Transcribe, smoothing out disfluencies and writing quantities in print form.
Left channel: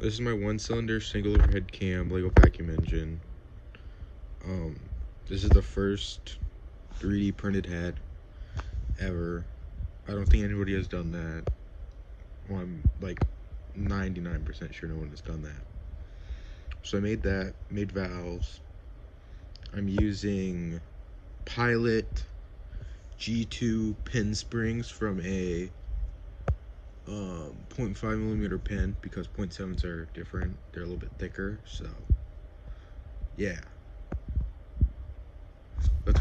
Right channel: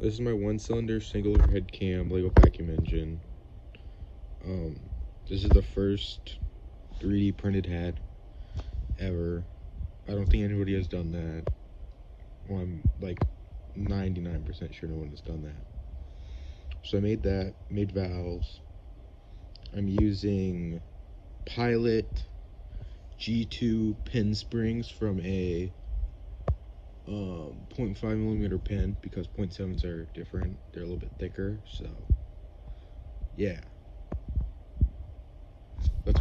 This is my one-cylinder single overhead cam Lego vacuum engine. This is the first 3D printed head ever. I don't think anybody has done that. Well, I'm like 99% sure no one has done that. So I made that, made valves. I'm using Pilot G2 pin springs from a 0.5 millimeter pin because 0.7s are different. They're a little bit thicker, so yeah. Let's